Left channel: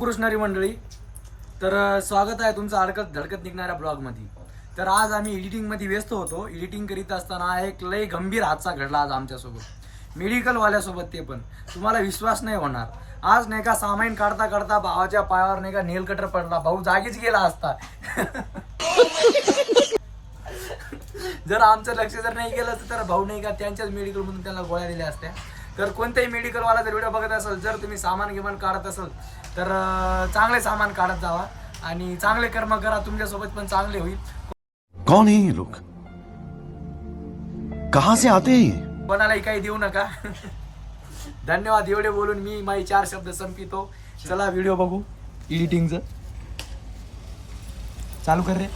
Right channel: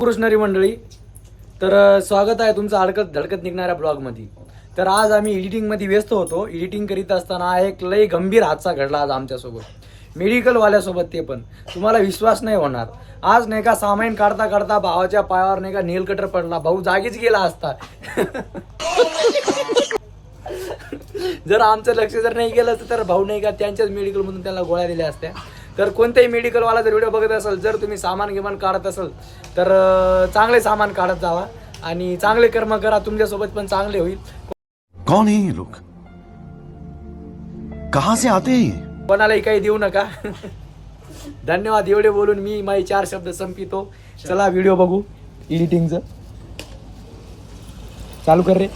कृष्णारी मंडळी, तर स्वागत आहे तुमचं अडकत धडकत निघणाऱ्या ब्लॉगमध्ये. तर आज आम्ही एडिटिंगमध्ये व्यस्त होतो. एडिटिंग करीत असताना एक लय गंभीर हादसा घडला आज आमच्यासोबत, मेडिकलवाल्यासोबत. ते पण तुम्हाला विश्वास नाही होणार. आज नाही का सामान काढता काढता भावाच्या पायावर नाही का नेल कटर पडला. भाऊ जागीच गेला असता. जर आमचं लक्ष जर नाही गेलं असतं तर भाऊ नाही का त्यांच्याच मेडिकलमधून त्याला गोळ्या दिल्या असत्या. तर कोणत्याही मेडिकलवाला जर व्हिडिओ बघत असेल, जर तुम्ही सामान गिमान काढत असेल तर चांगले सामान काढत जावा आणि चांगले कर्म करा. तुमच्यासोबत पण चांगले होईल. कौन है ये लोग, कहां से आते हैं ये? कोणालाही काही देऊ नका. धन्यवाद. एवढे बोलून मी माझे 4 शब्द संपितो. चला व्हिडिओ बघू एडिटिंगचं. चालू कर रे.